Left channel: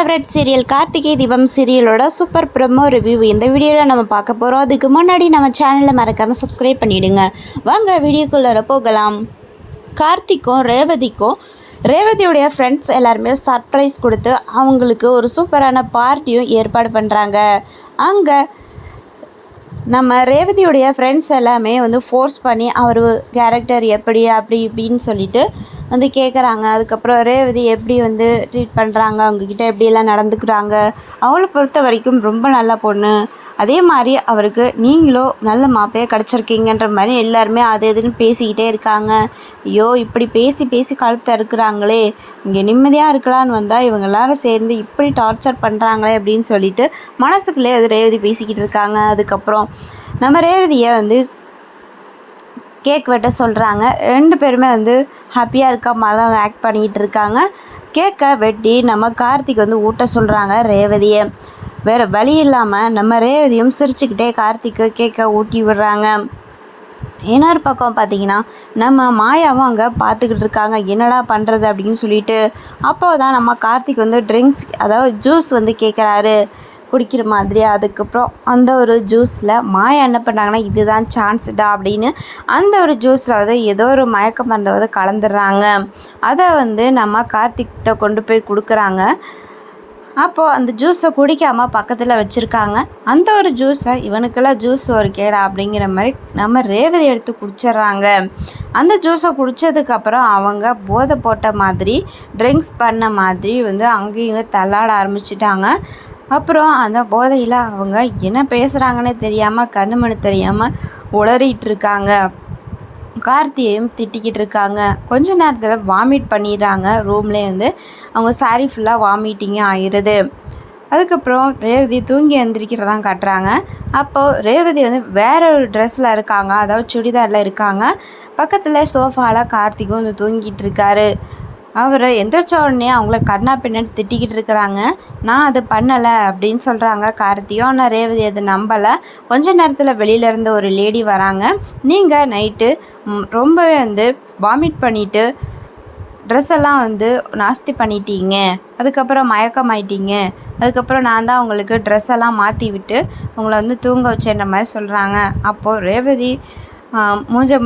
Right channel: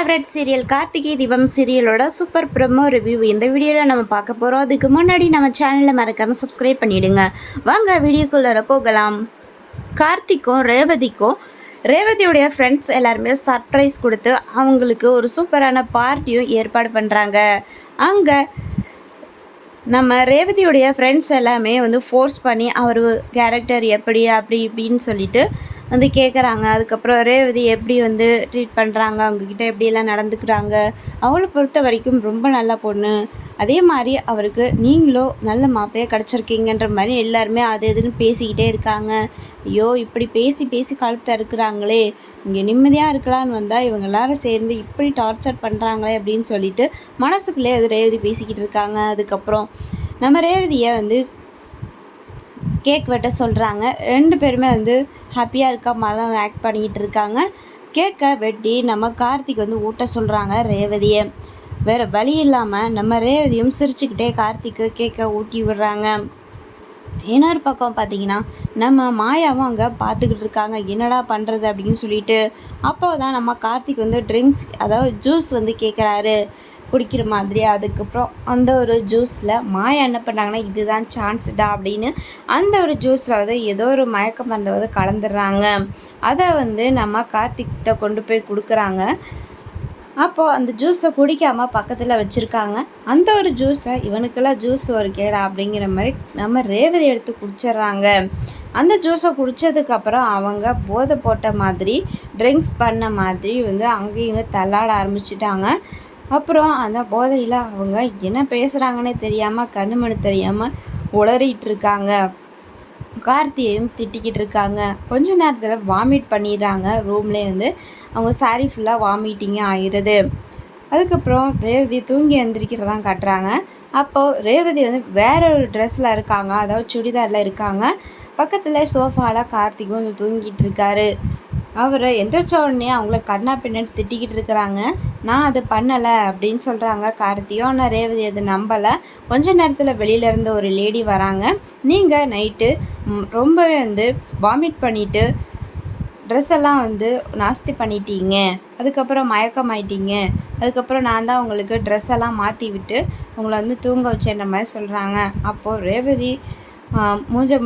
Favourite serial Karthigai Deepam சீரியலோட super promo review இந்த வீடியோவில் நம்ம பார்க்க போகிறோம். அதுக்கு முன்னாடி நம்ம சேனலை மறக்காமல் சப்ஸ்கிரைப் பண்ணிவிடுங்க. வாங்க வீடியோக்குள்ளே போகலாம். கார்த்திக்கும் ரேவதியோடைய ஃப்ரெண்ட்ஸ் எல்லாருமே சர்ப்ரைஸ் கொடுத்து அவங்களுக்கு ஒரு சூப்பரான பார்ட்டியும் ஏற்பாடு பண்ணுறாங்க. அங்கே நம்ம ரேவதியோடைய ஃப்ரெண்ட்ஸ் எல்லாமே ஃபோர்ஸ் பண்ணி அவர் கேரக்டர் எப்படி அப்படி இப்படின்னு சொல்லிட்டு கேட்குறாங்க. அதுக்கப்புறம் ரேவதி எப்படி ட்ரீட் பண்ணுறாங்க, அவங்கக்கிட்ட எப்படியெல்லாம் நடந்துக்கிறாங்க, அவளை பொறுத்த வரைக்கும் ரொம்ப நல்ல பொண்ணு, அதே மாதிரி அவருக்கு நீங்களும் நல்ல மாப்பிள்ளையாக கிடச்சிருக்கீங்கன்ற மாதிரி எல்லாருமே அது எதுன்னு பேசிக்கிட்டே இருக்காங்க. ஐயோ இப்படி பேசி பேசி கழுத்தை இருக்கிறாங்களே, இங்கே நிம்மதியாக இருக்கலான்னு வந்தால் இவங்க எல்லாரும் சேர்ந்து இப்படி டார்ச்சர் பண்ணுறாங்களே அப்படின்னு சொல்லிட்டு மனசுக்குள்ளே அது ரேவதி பேசிக்கிட்டு இருக்காங்க. அதுக்கப்புறம் நம்ம ரேவதியை கேக் வெட்ட சொல்கிறாங்க. ரெண்டு பேருமே ஹாப்பியாக இருக்க மாதிரி ஆக்ட் பண்ணிக்கிட்டு இருக்காங்க. கேக்கை வெட்டி நம்ம கார்த்திக் ஊட்ட சொல்கிறாங்க ரேவதியை. வேறு வழி இல்லாமல் நம்ம ரேவதியும் சிரிச்சுக்கிட்டே கார்த்திக்கு கேக்கை ஊட்டி விடுறாங்க. இன்னொரு பக்கம் பார்த்திங்கன்னா நம்ம மாயாவும் அங்கே பார்த்துக்கிட்டு இருக்காங்க, என்னடா பண்ணுறது அப்படின்னு சொல்லிட்டு. அப்போ தான் நம்ம கார்த்திக் ட்ரிங்க்ஸ் அதாவது ஜூஸ் கேட்குறாரு குடிக்கிற மாதிரி. அதுக்கப்புறம் அந்த ஒரு ஜூஸில் மாயா என்ன பண்ணாங்கன்னா இதுதான் சான்ஸ்டா அப்படின்னு அந்த ஒரு ஜூஸில் ஏதோ ஒரு மயக்க மருந்தை கலந்துடுறாங்க. அதை நம்ம கார்த்திக்கிட்ட கொண்டு போய் கொடுக்குறாங்க. அப்போது அந்த ஜூஸை குடிக்காமல் பக்கத்தில் வச்சுருக்காங்க. அந்த ஒரு ஜூஸை இவனுக்கெல்லாம் ஜூஸ் ஒரு கேடா அப்படிங்கிற மாதிரி நம்ம ரேவதி எடுத்து குடிச்சிட்றாங்க. அந்த ஜூஸை குடித்ததுக்கப்புறம் அவங்க போதை போட்ட மாதிரி ட்ரிங்க்ஸ் பண்ண மாதிரி அங்கேயும் தள்ளாட ஆரம்பிச்சிட்டாங்க. அப்புறம் அந்த போதையில் அவங்க என்ன பேசுகிறாங்கன்னே தெரியாமல் கண்ணு தெரியாமல் உளறிட்டு இருக்காங்க. கார்த்தியையும் திட்டிக்கிட்டு இருக்காங்க. கொஞ்ச நேரத்தில் வாமிட் பண்ணிடுறாங்க. ரூம்லேயே அவங்க சாரி ஃபுல்லாக வாமிட்டிங்கே ஆயிடுது. அதுக்கப்புறம் ரேவதி தூங்கி எழுந்திரிக்கிறதான் காட்டுறாங்க. அப்போது ரேவதி வேற ஒரு ட்ரெஸ்ஸில் இருக்காங்க, அதாவது சுடிதாரில் இருக்காங்க. பக்கத்தில் சோஃபாவில் கார்த்திக்கும் தூங்கிட்டு இருக்காரு. அவர் எந்திரிச்ச உடனே அவங்கள கண்ணா பின்னாடி திட்டிக்கிட்டு இருக்கிறாங்க. நான் அது பண்ணலை அப்படின்னு சொல்கிறாங்க கார்த்தியும். ஆனால் ரேவதி அது நம்பலை. கொஞ்ச நேரத்தில் வெளியிலேருந்து ஒரு லேடி வராங்க. நீங்கள் நைட்டு ரொம்பவே வாமிட் பண்ணிவிட்டு ட்ரெஸ் எல்லாம் நாஸ்தி பண்ணிட்டீங்க, அதுக்கப்புறம் மயக்கமாயிட்டீங்க, அதுக்கப்புறம் நான் தான் உங்களுக்கு ட்ரெஸ் எல்லாம் மாற்றி விட்டு உங்களை தூங்க வச்சேன்ற மாதிரி சொல்கிறாங்க. அப்போது ரேவதி மூஞ்ச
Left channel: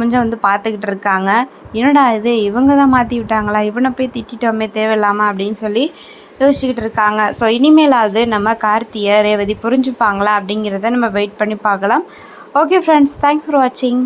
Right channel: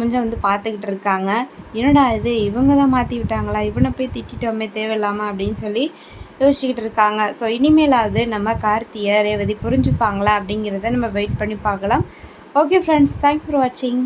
பார்த்துக்கிட்டு இருக்காங்க. என்னடா இது, இவங்க தான் மாற்றி விட்டாங்களா, இவனை போய் திட்டோமே தேவையில்லாமல் அப்படின்னு சொல்லி யோசிச்சுக்கிட்டு இருக்காங்க. ஸோ இனிமேலாவது நம்ம கார்த்தியை ரேவதி புரிஞ்சுப்பாங்களா அப்படிங்கிறத நம்ம வெயிட் பண்ணி பார்க்கலாம். ஓகே ஃப்ரெண்ட்ஸ், தேங்க்ஸ் ஃபார் வாட்சிங்.